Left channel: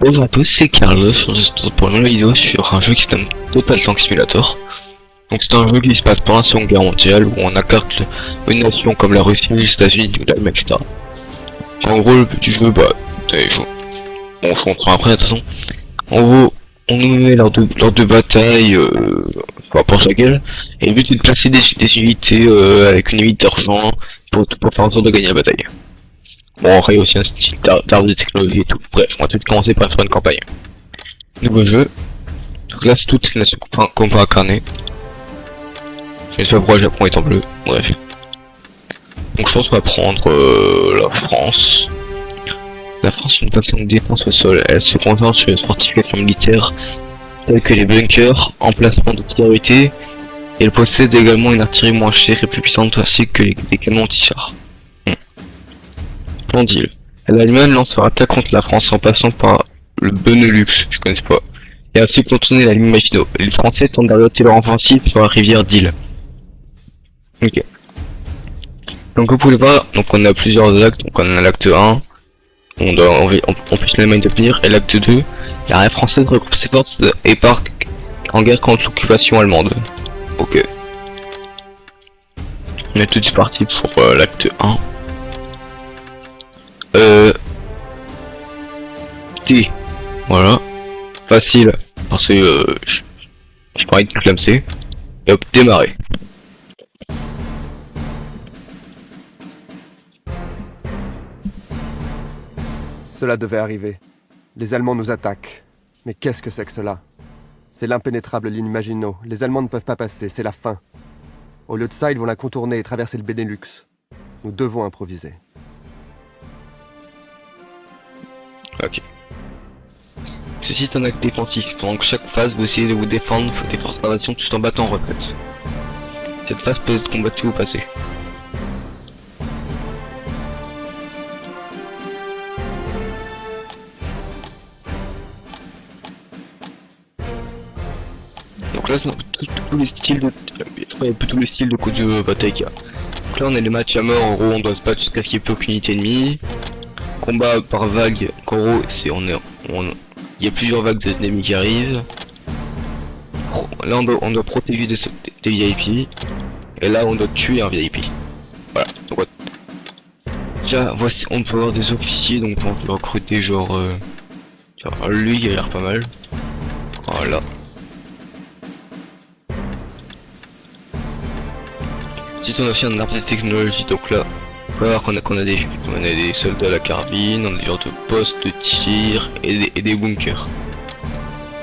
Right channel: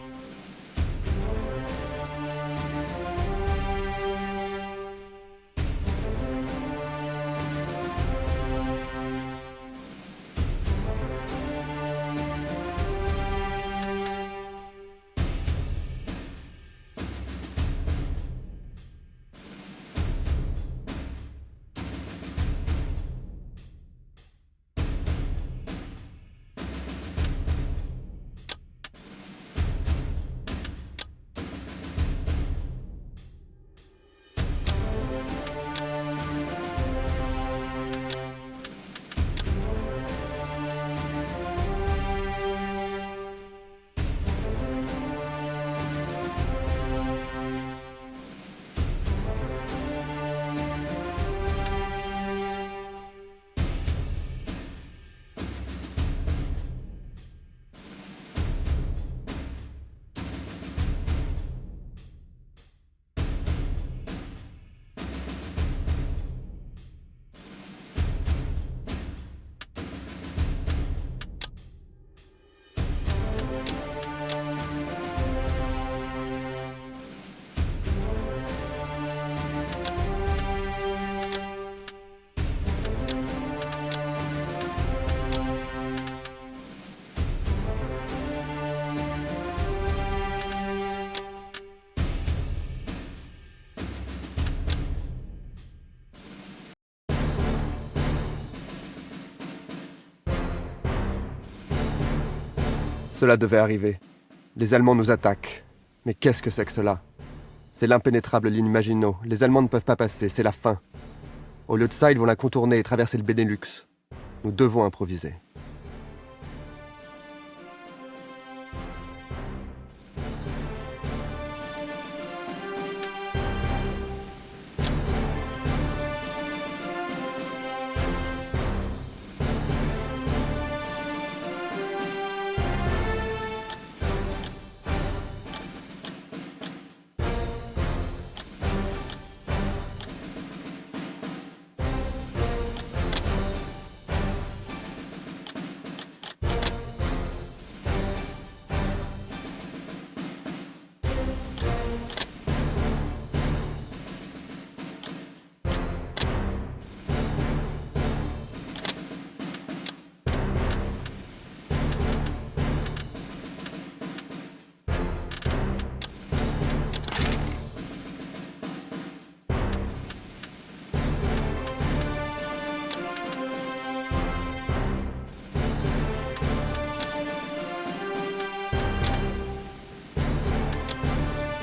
Bonjour à tous, c'est Carlos pour une nouvelle vidéo sur un jeu qui se nomme Total Tank Simulator. Donc c'est un jeu qui se passe pendant la Seconde Guerre mondiale où on incarne une nation comme la Russie, les États-Unis, l'Allemagne, etc. En gros, le but du jeu, bon, je comprends après de toute façon. En gros, on nous met lors de bataille, peu importe laquelle, et le but est de placer des unités avec une limite d'argent pour faire en sorte de gagner la bataille. Bon, après il y a aussi un style d'arbre de technologie et tout. Bref, on va tout commencer par faire une campagne. Nouveau jeu. Donc là, c'est toutes les nations qu'on peut incarner. Je sais pas pourquoi le Japon est en bleu. Bref. Donc je pense qu'on va prendre la France. La France est une faction de défense au sol. Elle se concentre sur les fortifications militaires telles que les bunkers, emplacements de priorité. Et elle possède également une artillerie moins chère et plus puissante ainsi que des canons anti-chars. Plan deal. L'Allemagne lance leur attaque contre la France en passant par le Benelux, je connais pas, et ainsi contourner la ligne Maginot. Les Français tentent d'arrêter leur offensive sur la rivière d'Ille. Ok. Donc vous pouvez voir, donc on a plusieurs actes, donc on a l'acte 1, on peut l'Allemagne d'obtenir, et l'acte 2, l'armée française regroupe ses forces et part en guerre contre l'occupation allemande. Ok. On est tout de suite parti pour l'acte 1. T. Voilà. Facile. Parce que j'ai pas envie de clamser. Et hop, démarrer. Cela devait arriver. Les Allemands nous attaquent. Mais qu'est-ce que c'est que cela? C'est l'impénétrable ligne Maginot. Les Allemands ne peuvent pas passer, c'est la fin. Au lieu de ça, ils vont la contourner et traverser le Benelux. Nous devons improviser. Ok. Ceci est un acte défensif. Pendant chaque phase, vous essayez de vous défendre des forces d'invasion tout en battant en retraite. Cette phase peut être combattue au passé. Donc là, c'est un peu tous les styles de bataille qu'il y a. Donc là, on a les matchs à mort. En gros, on doit se battre jusqu'à ce qu'il n'y ait plus aucune unité ennemie. Combat par vague. En gros, il y a plusieurs vagues d'ennemis qui arrivent. Là, on doit protéger des VIP. Et là, on doit tuer un VIP. Voilà. Donc, déjà, voici, on peut avoir des officiers. Donc, on peut recruter genre, lui, il a l'air pas mal. Voilà. Ensuite, on a aussi un arbre de technologie. Donc là, on va voir qu'on a des soldats à la carabine, on a des genres de postes de tir et des bunkers.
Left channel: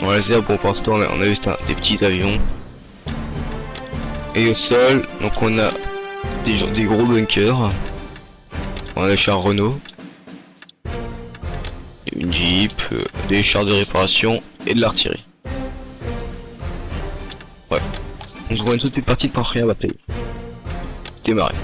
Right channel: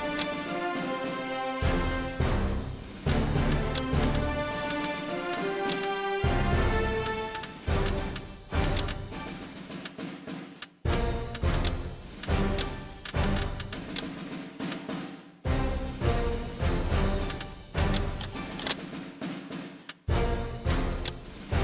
Dans les airs, bon, pour l'instant, on a juste des petits avions. Et au sol, donc on a des gros bunkers. On a des chars Renault, une Jeep, des chars de réparation et de l'artillerie. Ouais. On se voit une toute petite partie de première bataille. Démarrer.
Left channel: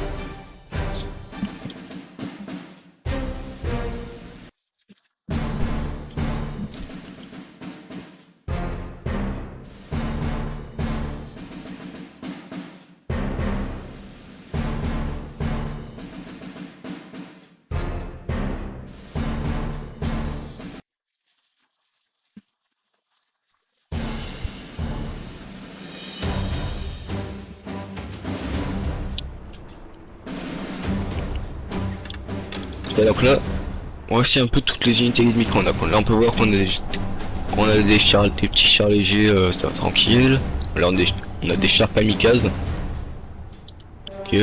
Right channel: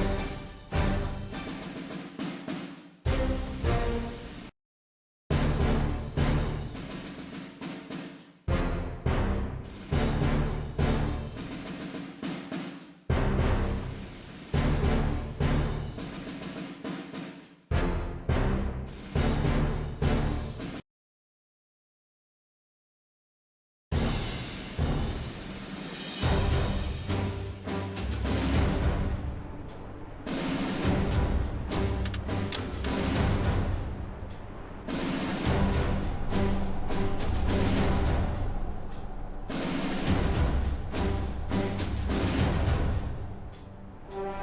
Et donc là, voici un peu toutes les unités ennemies qu'on a. Là on peut voir qu'on a des petits chars légers, ça va tranquille. Là on a des chars kamikazes. Ok.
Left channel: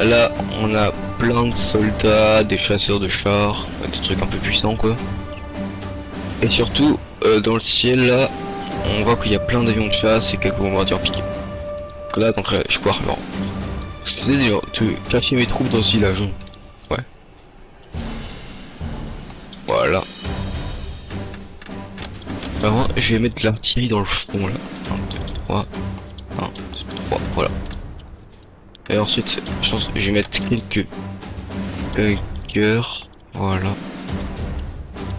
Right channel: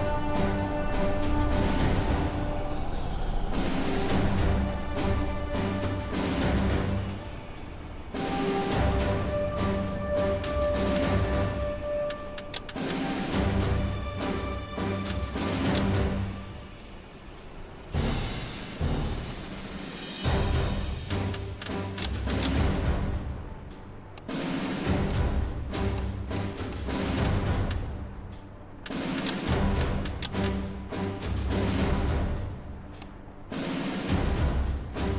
Là on a plein de soldats, des chasseurs de chars, des trucs un peu puissants quoi. Et surtout dans le ciel là, on voit qu'il y a plein d'avions de chasse et quelques bombardiers piqués. Donc là donc je peux non. Je faisais déjà de cacher mes troupes dans ce village. Ouais. Voilà. Alors, je vais mettre l'artillerie dans le front là. 3, 1, 3, voilà. Et ensuite, je pense que je vais mettre quelques bunkers. Voilà.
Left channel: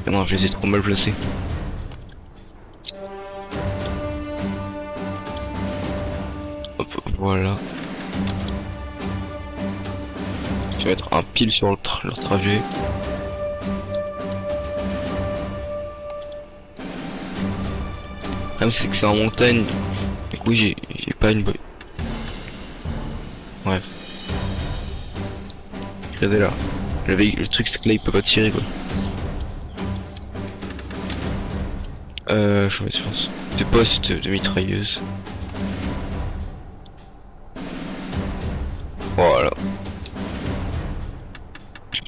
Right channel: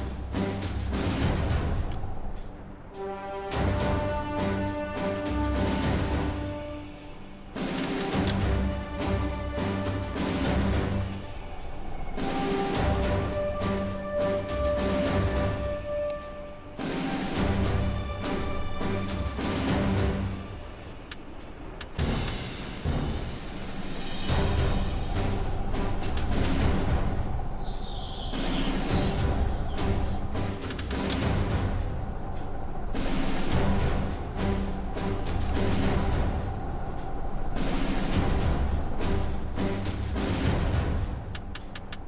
Ah non, je les ai trop mal placés. Hop, voilà. Je vais mettre un pile sur leur trajet. Même c'est que c'est en montagne. Du coup j'ai pas une bonne. Ouais. Regardez là. Le truc c'est que là il peut pas tirer quoi. Je vais sur des postes de mitrailleuse. Voilà.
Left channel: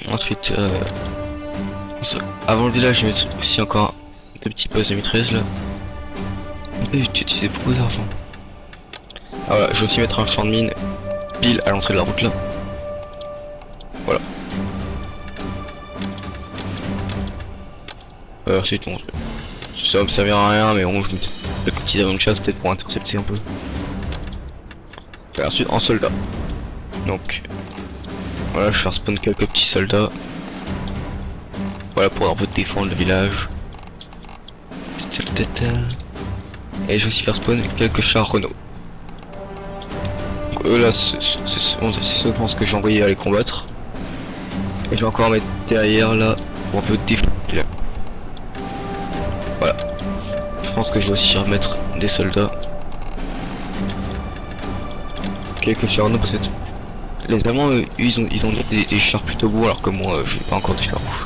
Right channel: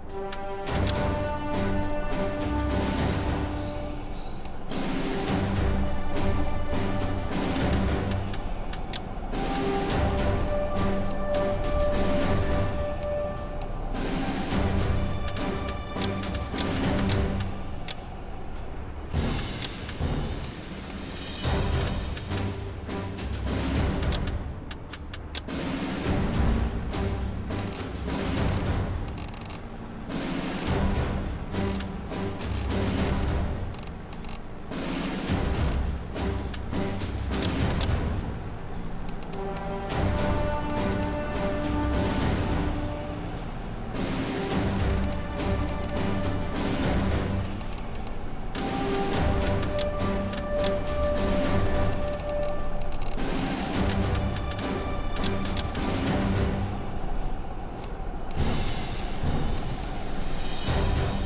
Ensuite, avant le village, je vais mettre aussi encore deux petits postes de mitrailleuse là. J'ai utilisé beaucoup d'argent. Ah voilà, je vais aussi mettre un champ de mine pile à l'entrée de la route là. Voilà. Ensuite, bon, ça va me servir à rien, mais bon, je me dis le petit avion de chasse peut-être pour intercepter un peu. Et ensuite, en soldat. Donc, voilà, je vais faire spawn quelques petits soldats. Voilà, pour un peu défendre le village. Et je vais aussi faire spawn quelques chars Renault. Eux là, c'est souvent ce que j'ai envoyé à les combattre. Et je vais encore mettre derrière là pour un peu défendre le village. Voilà. Je pense que je vais aussi remettre des soldats. Quelques chars Renault parce que les Allemands, eux, ils ont des chars plutôt beaux alors que moi, j'ai pas encore des chars beaux.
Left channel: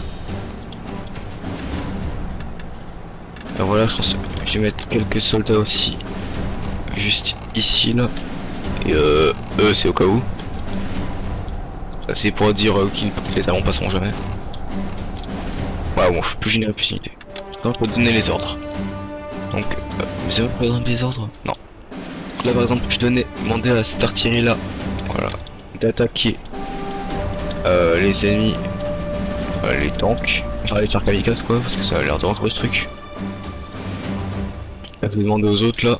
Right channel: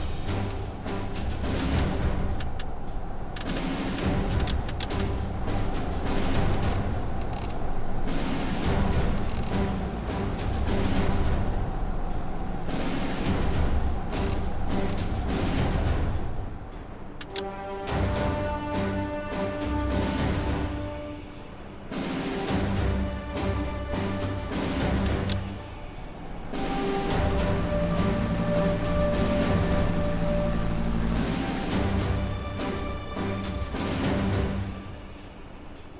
Alors voilà, je vais mettre quelques soldats aussi, juste ici là. Et eux, c'est au cas où. Ça c'est pour dire que les Allemands passeront jamais. Voilà, bon, je peux générer plus une idée. Donc, je peux donner les ordres. Donc, vous avez par exemple les ordres? Non. Là par exemple, je demandais à cette artillerie là, voilà, d'attaquer les ennemis, les tanks, enfin les chars kamikazes quoi, parce que ça a l'air dangereux ce truc. Là, je vais demander aux autres là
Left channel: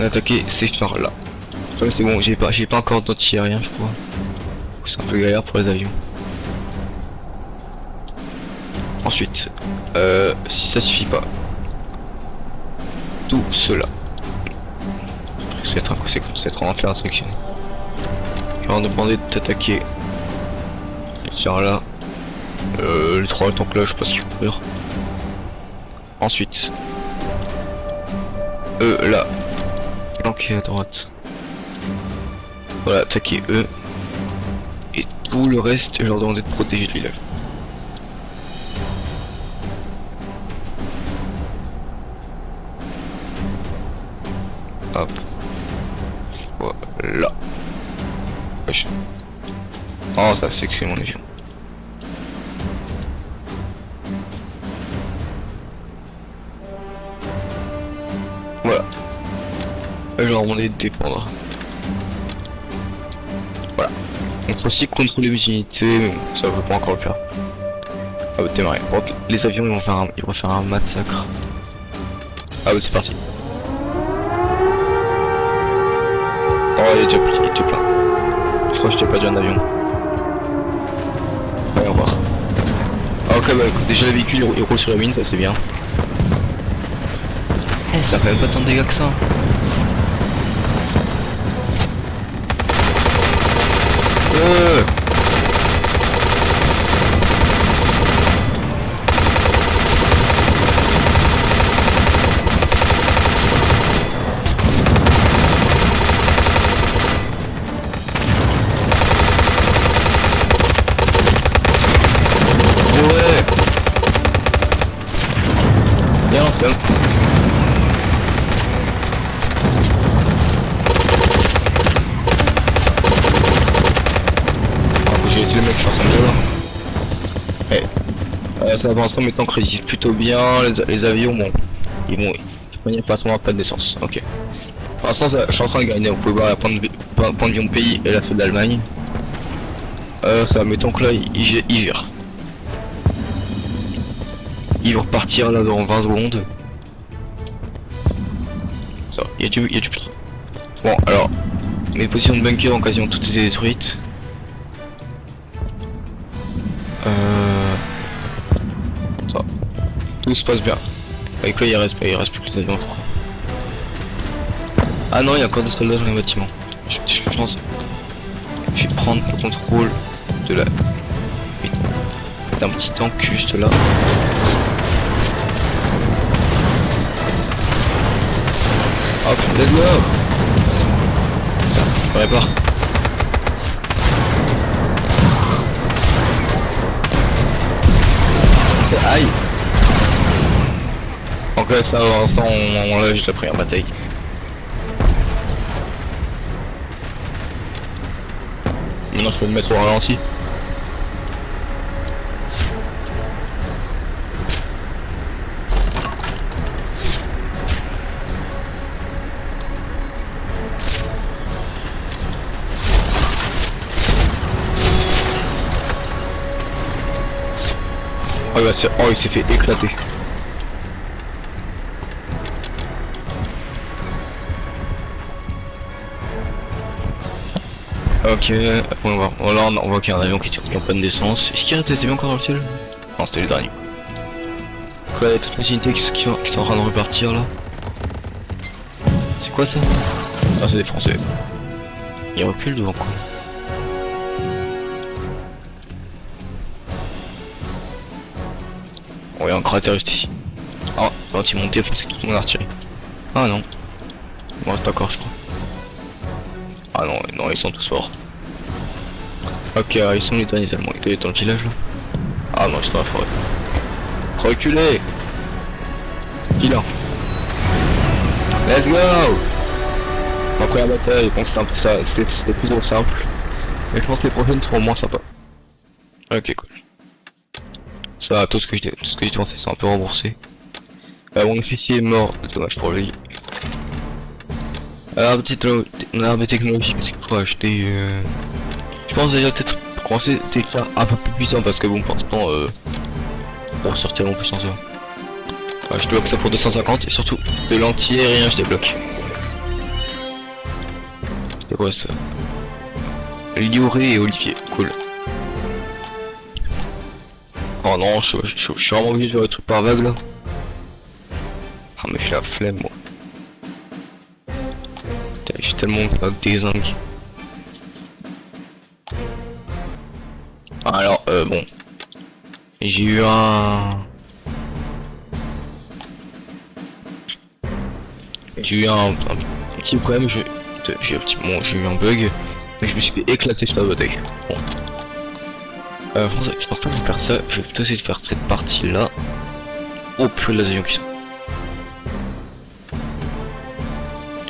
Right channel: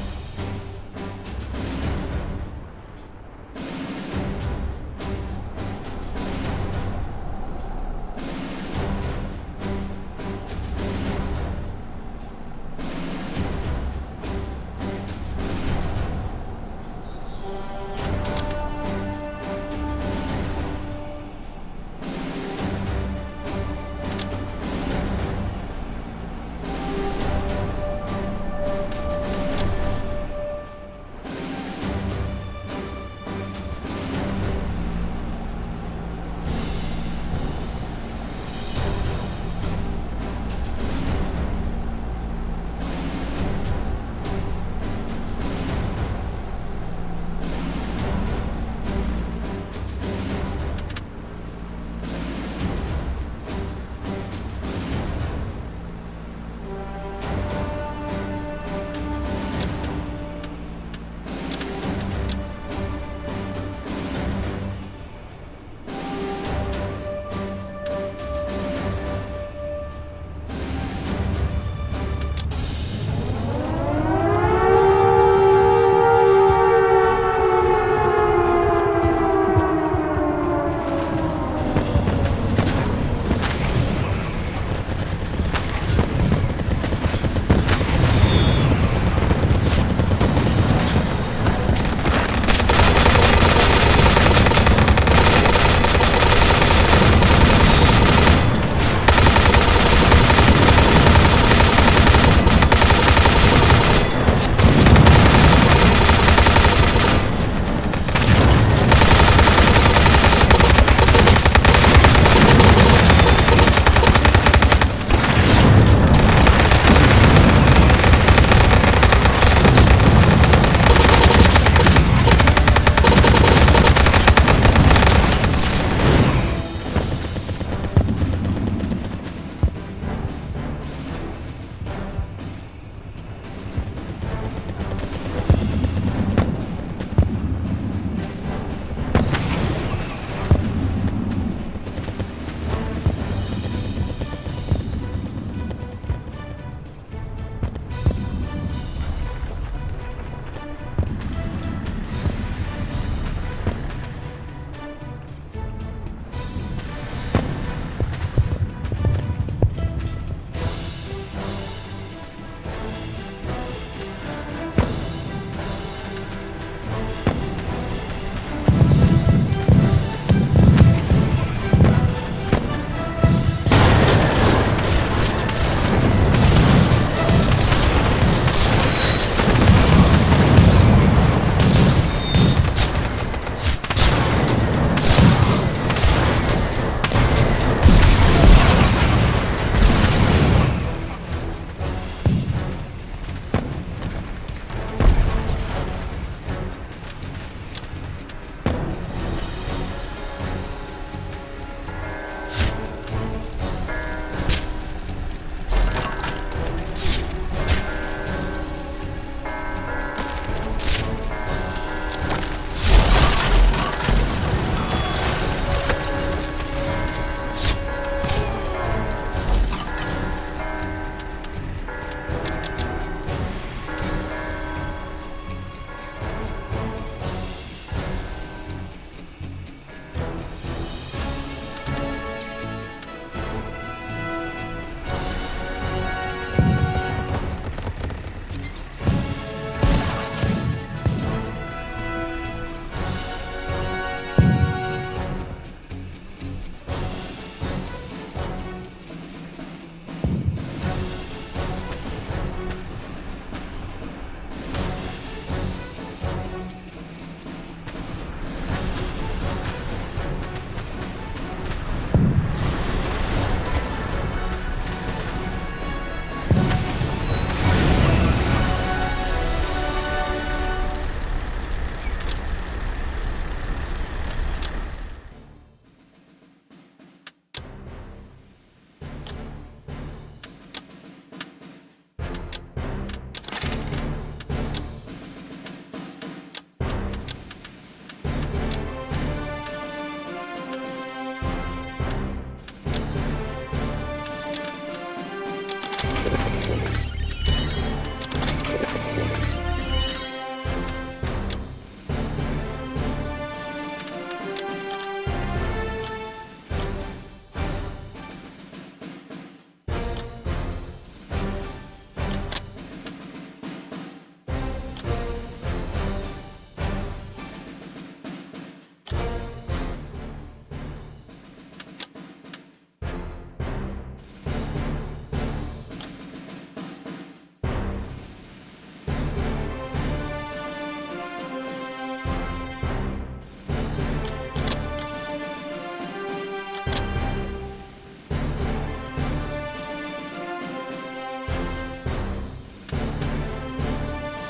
d'attaquer ces chars là. Enfin, c'est bon, j'ai pas encore d'anti-aérien je crois. C'est un peu galère pour les avions. Ensuite, si ça suffit pas, tout cela. C'est trop en faire instruction. Je vais leur demander d'attaquer les chars là. Les trois tanks là, je sais pas s'ils font peur. Ensuite, eux là, flanquer à droite. Voilà, attaquer eux. Et tout le reste, je leur demande de protéger le village. Hop. Voilà. Wesh. Oh, ça c'est que c'est mon avion. Voilà. Je leur demander de défendre. Voilà. On peut aussi contrôler les unités, mais ça va pas encore le faire. Ah bah démarrer. Bon, les avions ils vont faire un massacre. Ah bah c'est parti. Oh il est déjà plein. Je crois que je t'ai perdu un avion. Voyons voir. Ah ok bah déjà le véhicule il roule sur la mine, ça c'est bien. Ça fait pas tant de dégâts que ça. Ça avance en mettant crédit plutôt bien, les avions bon, ils vont pas trop pas de naissance, ok. Pour l'instant je suis en train de gagner, on peut voir un point de vue de pays et là c'est de l'Allemagne. Ça mettons que là ils virent. Ils vont repartir là dans 20 secondes. Ça, il y a du plus. Bon alors, mes positions de bunker ont quasiment toutes été détruites. Tout se passe bien. Avec là il reste plus que les avions. Ah non, il y a encore des soldats dans les bâtiments. Je pense. Je vais prendre le contrôle de la. D'un petit tank juste là. Hop, let's go. On répare. Aïe. Donc là, ça, pour l'instant, on l'a juste la première bataille. Maintenant, je peux me mettre au ralenti. Oh, bah, oh, il s'est fait éclater. Ok, on va voir. Voilà, on voit qu'il y a un avion qui tire en panne d'essence. Est-ce qu'il y a des avions encore dans le ciel? Non, c'était le dernier. Après, il y a toutes les unités qui sont en train de repartir là. C'est quoi ça? Ah, c'est des Français. Ils reculent devant quoi? Oh, il y a un cratère juste ici. Ah, quand ils montent, c'est tout mon artillerie. Ah non. Il me reste encore, je crois. Ah non, non, ils sont tous forts. Ok, ils sont les derniers allemands. Ils étaient dans le village là. Ah non, c'est pas la forêt. Reculez. Vilain. Let's go. Encore la bataille, donc c'était un peu ça, c'était plus trop simple. Mais je pense que les prochaines seront moins sympas. Ok, cool. Ça, tout ce que j'ai pensé sont un peu remboursés. Mon officier est mort, dommage pour lui. L'arme technologique, c'est que je peux acheter. Je pense déjà peut-être pour commencer des cas un peu plus puissants parce que bon, pour l'instant, on va sortir mon puissance. Je débloque ça pour 250 et surtout de l'anti-aérien, je débloque. C'était quoi ça? Lioré et Olivier, cool. Oh non, je suis vraiment obligé de faire le truc par vague là. Ah mais j'ai la flemme moi. Putain, j'ai tellement de vagues dézingues. Alors bon. J'ai eu un petit problème, j'ai eu un bug, mais je me suis fait éclater sur la bataille. Bon. Je pense pas faire ça, je vais plutôt essayer de faire cette partie là. Oh purée, les avions qui sont.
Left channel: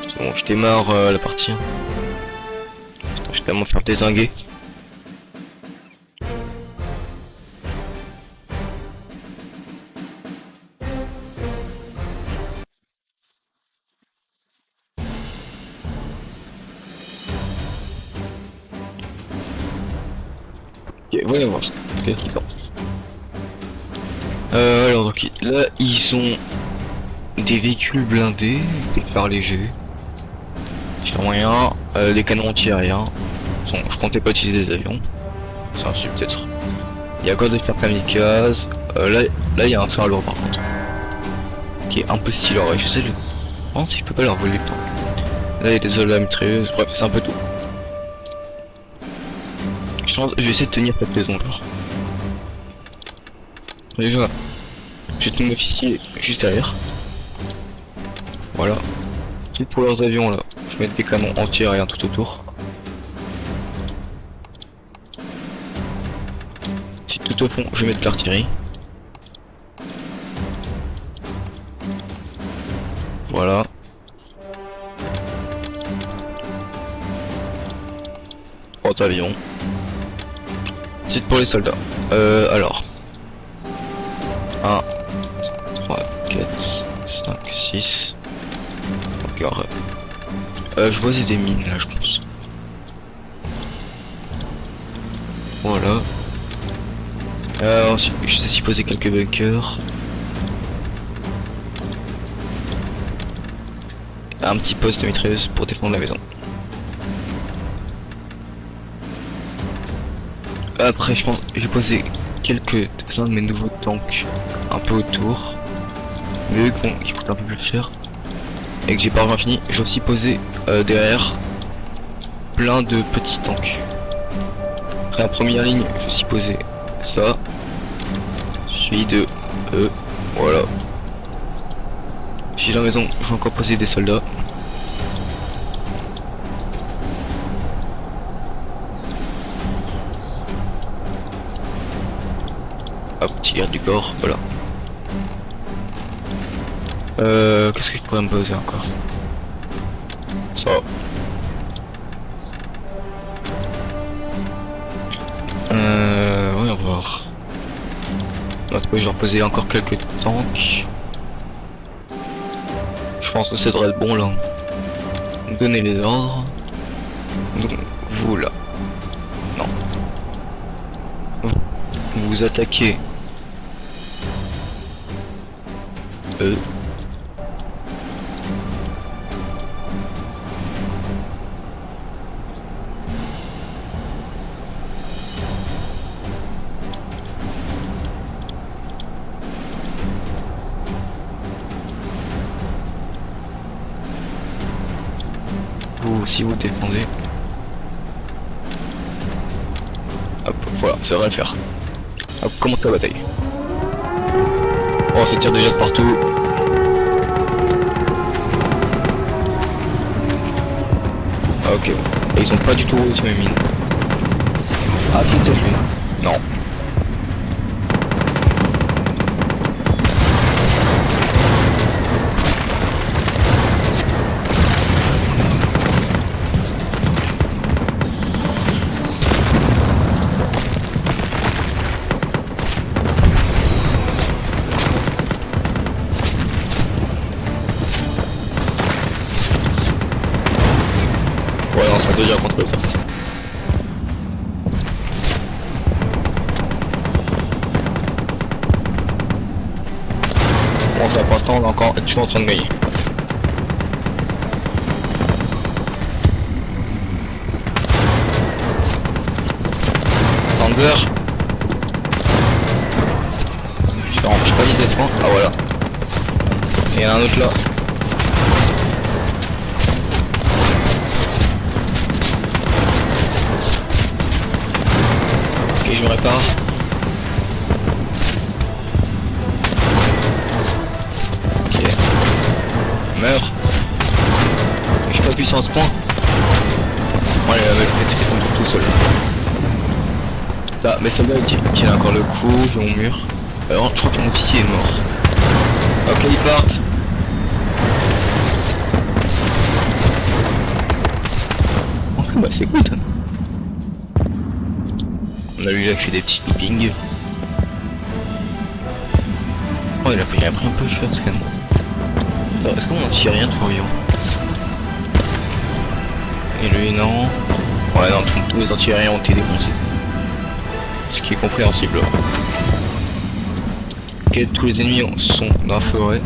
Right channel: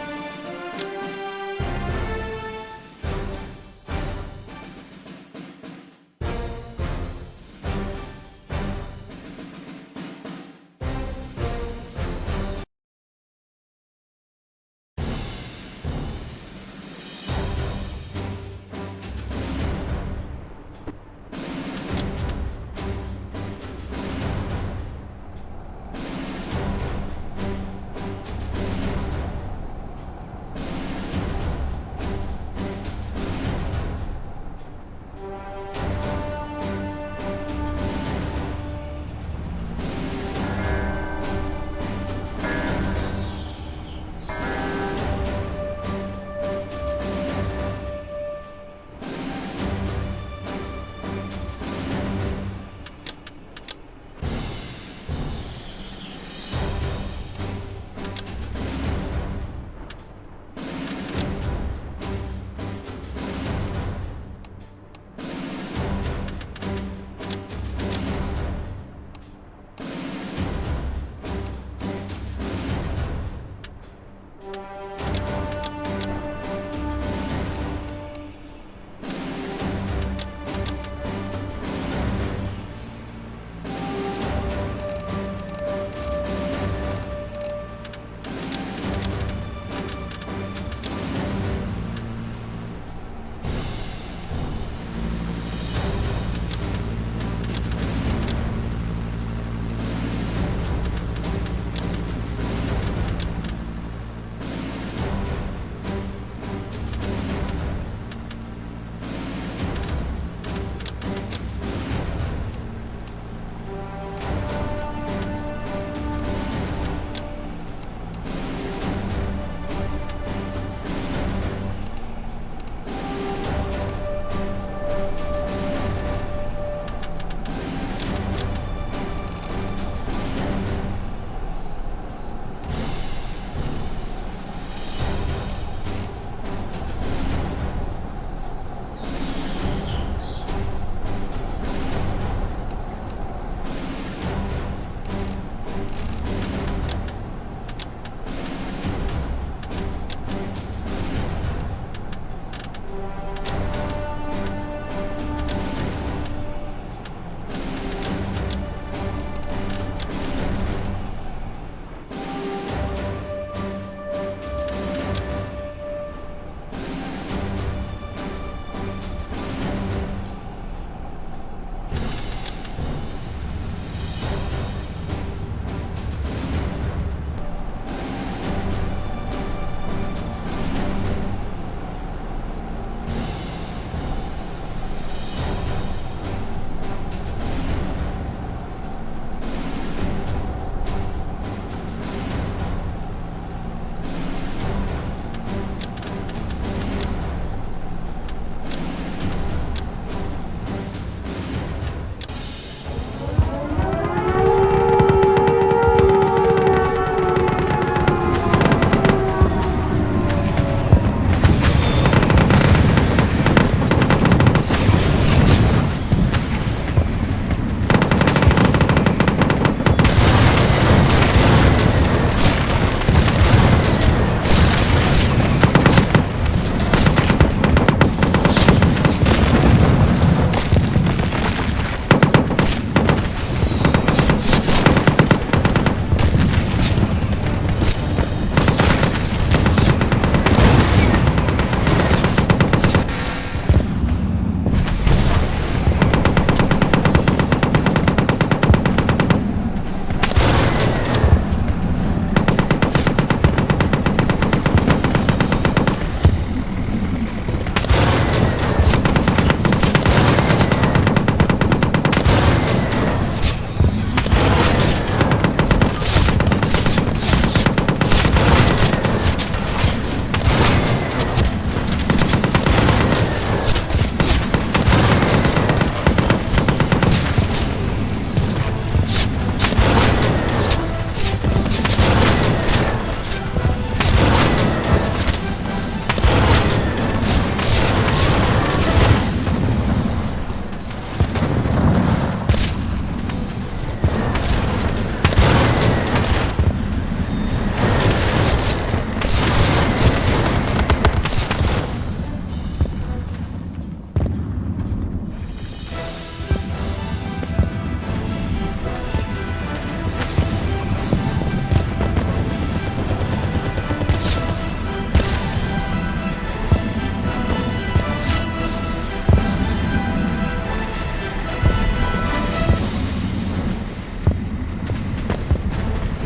C'est bon, je démarre la partie. Je vais tellement faire dézinguer. Ok, voyons voir. Qu'est-ce qu'ils sont. Alors donc là ils ont des véhicules blindés, des phares légers, sur moyen, des canons anti-aériens. Je comptais pas utiliser des avions. C'est un truc peut-être. Il y a encore des phares kamikazes. Là il y a un train lourd par contre. Qui est un peu stylé. Ouais, je sais le. Non si je peux pas leur voler. Là il y a des soldats mitrailleuses, bref c'est un peu tout. Je vais essayer de tenir cette maison là. Déjà, j'ai ton officier juste derrière. Voilà. Et pour leurs avions là, je vais mettre des canons anti-aériens tout autour. Si tout au fond, je vais mettre l'artillerie. Voilà. Trois avions. Ensuite pour les soldats. Alors. 1, 3, 4, 5, 6. Encore. Je vois c'est des mines là je pense. Voilà. Ensuite je sais s'y poser quelques bunkers. Un petit poste de mitrailleuse pour défendre la maison. Après je pense que j'ai posé quelques-uns de mes nouveaux tanks un peu autour, mais eux qui coûtent un peu plus cher et que j'ai pas vraiment fini. J'ai aussi posé derrière plein de petits tanks. Après en première ligne j'ai aussi posé ça, suivi de eux, voilà. J'ai la maison, je vais encore poser des soldats. l'artillerie du corps, voilà. Qu'est-ce que je pourrais me poser encore? Ça. Ouais, on va voir. Là, je vais reposer encore quelques tanks. Je pense que ça devrait être bon là. Donnez les ordres. Donc, vous là. Non. Vous attaquez. Eux. Si vous défendez. Hop, voilà, ça va le faire. Hop, commence la bataille. Oh, ça tire déjà de partout. Ah, ok, ils ont pas du tout tiré. Ah, non. Je suis en train de gagner. Panzer. Je crois qu'il descend. Ah voilà. Il y a un autre là. Ok, je me répare. Meurs. Je suis pas puissant à ce point. Allez, ça, mais c'est bien qu'il a encore le coup dans mon mur. Alors, je crois que mon officier est mort. Ok, ils partent. Bah, c'est good. On a lui, il a fait des petits pings. Oh, il a pris un peu de choses quand même. Est-ce qu'on tire rien trop bien? Et lui non. Ouais non, tous les anti-aériens ont été défoncés. Ce qui est compréhensible. Ok, tous les ennemis sont dans la forêt.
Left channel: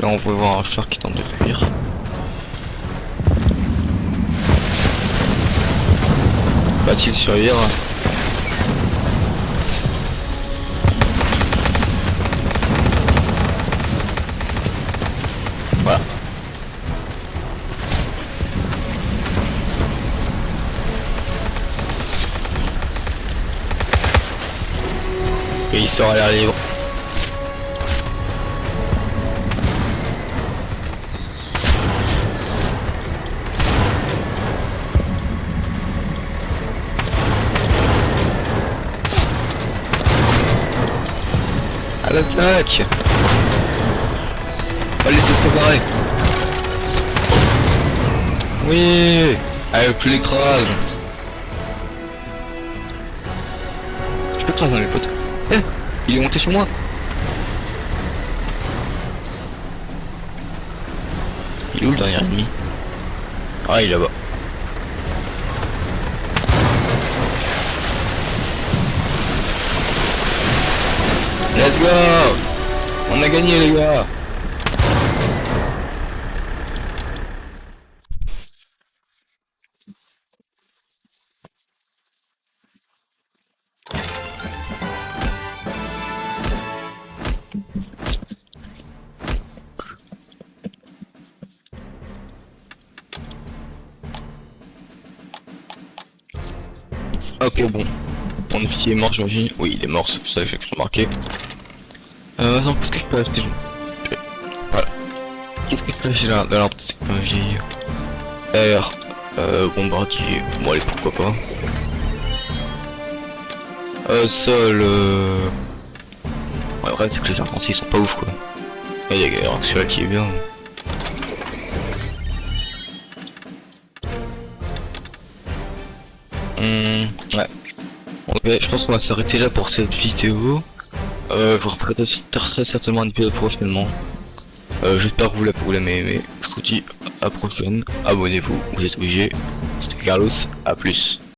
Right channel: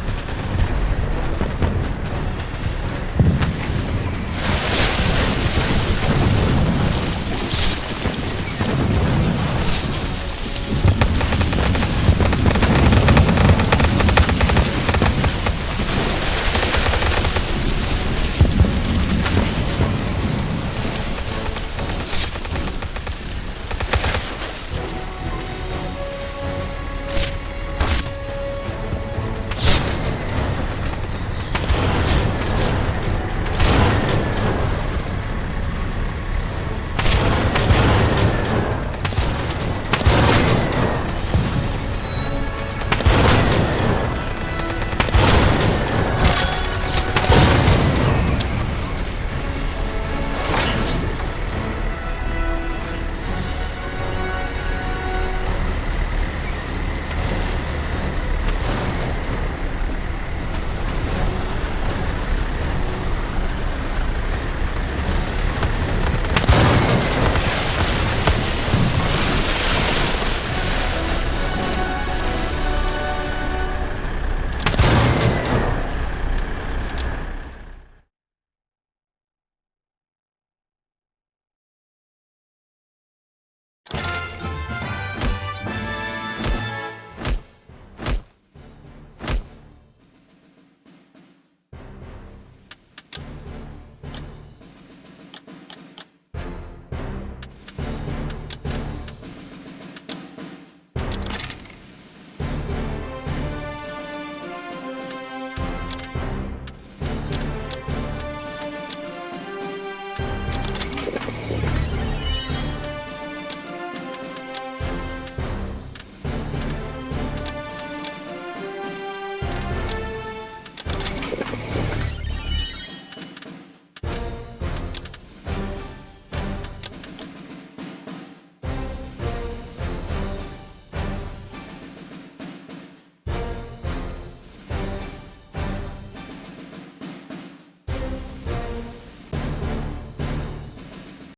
Là on peut voir un char qui tente de fuir. Va-t-il survivre? Voilà. Et il sort à l'air libre. À l'attaque. Allez, séparer. Oui. Avec plus l'écrase. Je peux craser dans les potes. Eh, il est monté sur moi. Il est où le dernier ennemi? Ah, il est là-bas. Let's go. On a gagné les gars. Ok, bon. Mon officier est mort, j'imagine. Oui, il est mort, c'est ça que j'ai remarqué. Attends, qu'est-ce que je peux acheter? Voilà. Qu'est-ce que je peux acheter là dans l'arbre de technologie? R, bombardier. Bon, allez, pourquoi pas. Ça, le... Ouais, après, c'est que les gens français, ils sont pas ouf, quoi. Il y a celui-là qui est bien. Ouais. Ok, je pense qu'on va s'arrêter là pour cette vidéo. Je vous referai très certainement un épisode prochainement. J'espère que vous l'avez aimé. Je vous dis à la prochaine. Abonnez-vous, vous êtes obligés. C'était Carlos, à plus.